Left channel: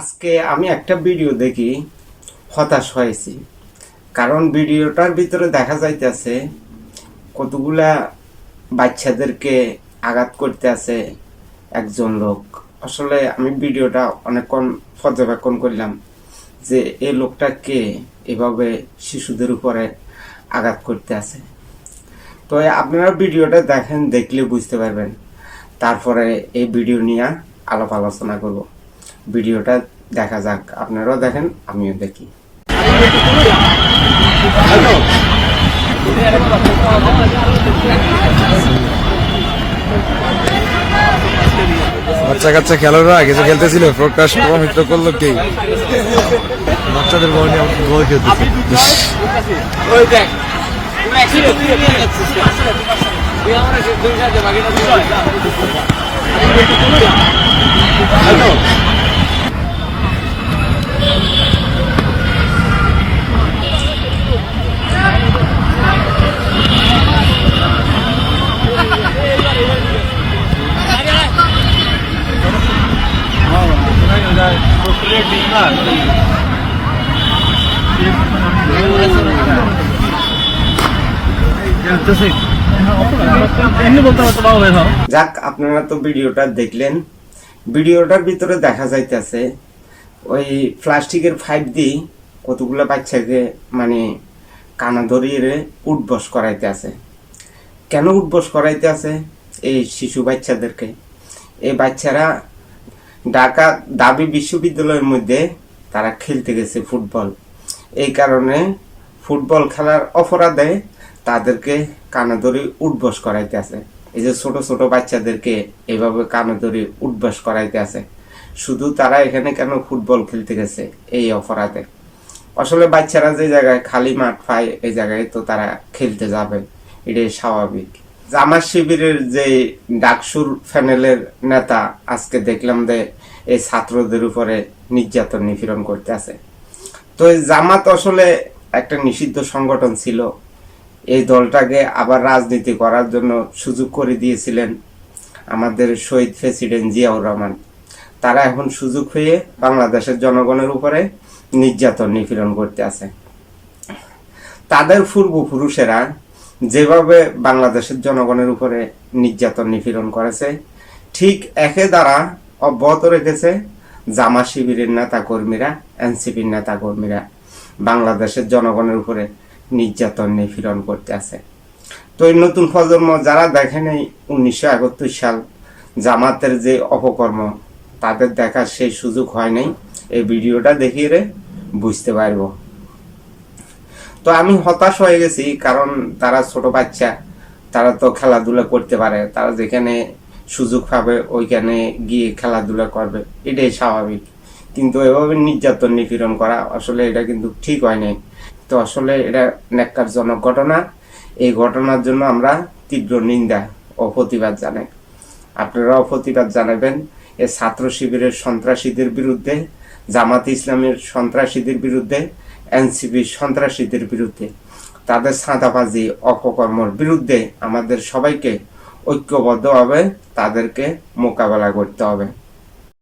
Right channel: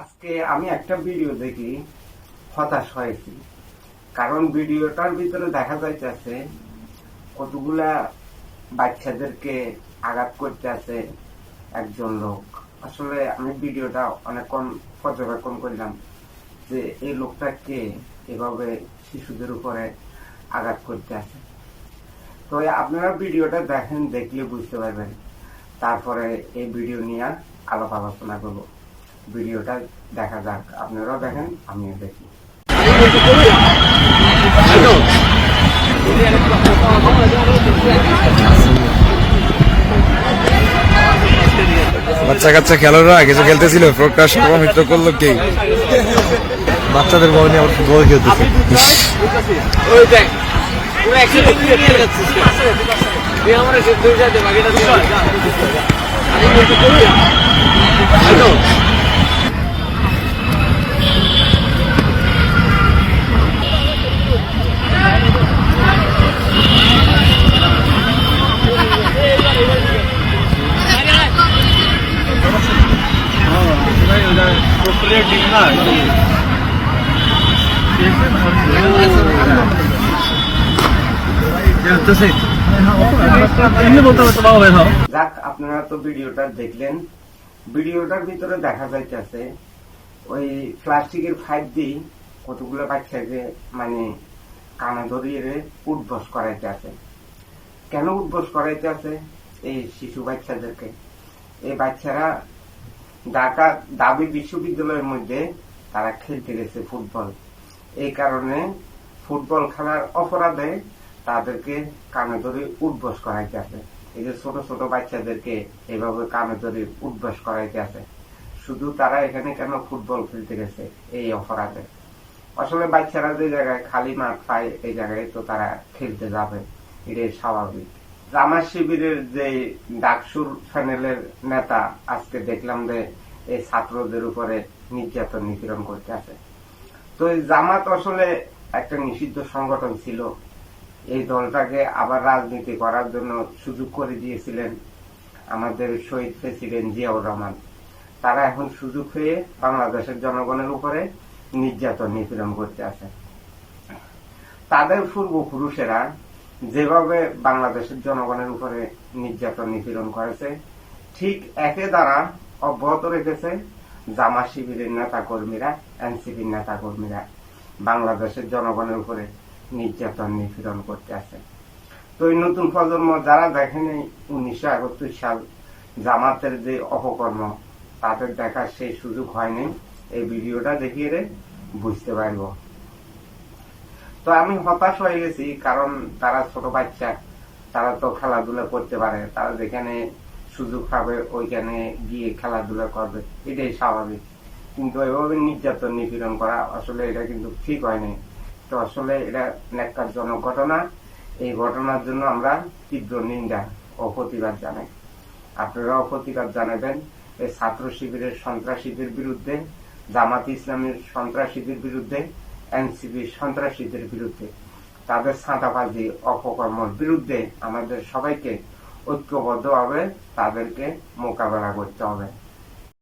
আজকে আমি একটা ভিডিও দেখি হতাশ হয়েছি, কারণ ভিডিওটার ভিতরে দেখা যাইতেছে কতগুলা বাচ্চাদেরকে আঘাত করতে আছে একজন লোক। আসলে আমি ভিডিওটা অনেকক্ষণ পর্যবেক্ষণ করলাম যে এই লোকটা কে এভাবে শিশুদের উপরে আঘাত করতে আছে। তো আপনারা ভিডিওটা দেখেন, দেখলে বুঝতে পারবেন। তারপরে এই ভিডিও নিয়ে আলাপ আলোচনা করব। ভিডিওটা দেখা যাক, আপনারাও দেখেন আমিও দেখি। বাচ্চা কাচ্চা খেলোয়াড়রা কিছু খেলতেছিল, ফ্রকটা সর্বমিত্র করলো কে? বাচ্চাদের গোল যাক, আপনারা তো ভিডিওটা দেখলেন। ভিডিওটার ভিতরে দেখা যাইতেছে ওই প্লাস্টিকের পাইপ দিয়ে কতগুলো বাচ্চাকে মানে কানা ধরিয়ে উঠবস করাইতে আছে। কেন উঠবস করাইতে আছে? এই শিশু বাচ্চাদেরকে। এই বাচ্চারা ঢাকা দাবি বিশ্ববিদ্যালয়ের মধ্যে তারা খেলতে গেছে ফুটবল। এই কারণে ফুটবল খেলার অপরাধে তাদেরকে কানে ধরে উঠবস করাইতে আছে। এই যে ছোট ছোট বাচ্চাদেরকে এইভাবে কানে ধরে উঠবস করাইতে আছে, শুধু তারা এখানে কেন ফুটবল খেলতে গেছে এই অপরাধে। আসলে বাচ্চারা যে জায়গায় খালি মাঠ পায় এই জায়গায় তো তারা খেলতে যাবে, এটাই স্বাভাবিক। জামাত শিবিরের যে ডাকসুর প্যানেলের নেতা আজকে দেখলাম যে এই ছাত্রদের উপরে নির্যাতন নিপীড়ন করতে আছে। তো এই জামাত আসলে একটা নিষিদ্ধ সংগঠন ছিল। এই দলটাকে আবার রাজনীতি করার জন্য সুযোগ করে দিয়েছিলেন আমাদের শহীদ প্রেসিডেন্ট জিয়াউর রহমান। তারা এখন সুযোগ হয়ে বাংলাদেশের জনগণের উপরে নির্যাতন নিপীড়ন করতে আছে। তাদের পূর্বপুরুষেরা যেভাবে বাংলাদেশের জনগণের উপরে নির্যাতন নিপীড়ন করেছে, ঠিক একে দ্বারা অব্যাহত রেখেছে জামাত শিবিরের নেতা কর্মীরা, এনসিপির নেতা কর্মীরা বাংলাদেশের জনগণের উপরে নির্যাতন নিপীড়ন করতে আছে। তো এই নতুন প্রজন্ম যারা দেখেন এই 1971 সাল জামাতের যে অপকর্ম, তাদের দেখার সেই সুযোগ হয় নাই। এই ভিডিওটা দেখিয়ে বুঝতে পারব। তো আমি হতাশ হয়ে গেছি, কারণ তারা ছোট বাচ্চা, তারা তো খেলাধুলা করতে পারে, তারা যেখানে সুযোগ পাবে ওইখানে গিয়ে খেলাধুলা করবে, এটাই স্বাভাবিক। কিন্তু এভাবে নির্যাতন নিপীড়ন করা আসলে এটা কিন্তু ঠিক হয় নাই। তো আসলে এটা ন্যাক্কারজনক ঘটনা। এই ঘটনার জন্য আমরা তীব্র নিন্দা ও প্রতিবাদ জানাই। আপনারাও প্রতিবাদ জানাবেন এই ছাত্র শিবিরের সন্ত্রাসীদের বিরুদ্ধে, জামাত ইসলামের সন্ত্রাসীদের বিরুদ্ধে, এনসিপির সন্ত্রাসীদের বিরুদ্ধে, তাদের ছাঁদাবাজি অপকর্মের বিরুদ্ধে আমাদের সবাইকে ঐক্যবদ্ধভাবে তাদেরকে মোকাবেলা করতে হবে।